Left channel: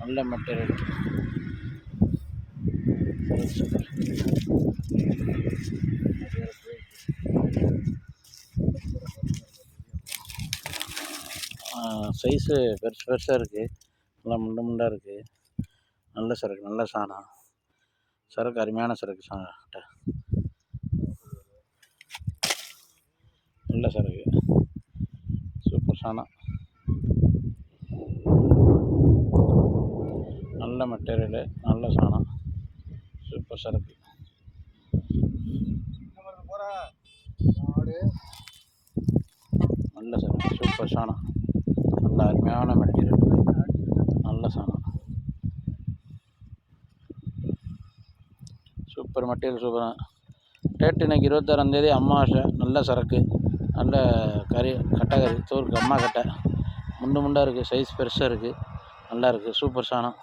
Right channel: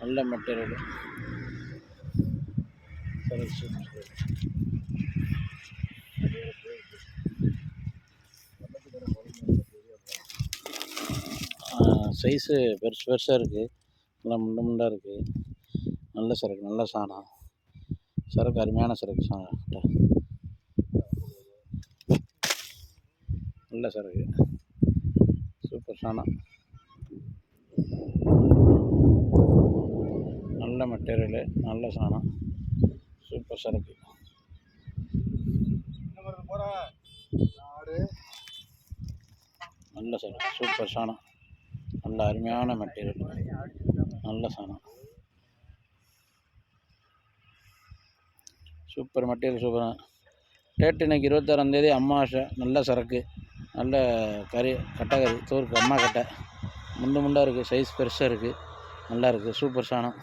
நல்ல material. Size பெருசு பெருசாக இருக்குது, நல்லா முண்டாக இருக்குது. நல்ல சரக்கு, நல்ல சாணம் சரக்கு, அருமையான சரக்கு நல்ல சரக்கு, சூப்பர் சாணம், நல்ல மெட்டீரியலு, நல்ல சாணம், சூப்பர் சரக்கு. நல்ல சரக்கு, சூப்பர் சாணம், நல்ல அருமையான மெட்டீரியல், நல்ல சாணம், சூப்பர் மெட்டீரியல், சூப்பராக. டேட் இன்றைக்கி 26ஆந்தேதி அமாவாசை. நல்ல சரக்கு, நல்ல கறி, கட்டை கறி, தோற்கு அம்மா கட்டை, முண்டாக இருக்குது, சைஸ் பெருசாக இருக்குது, நல்லா இருக்குது, சூப்பர் சாணம்.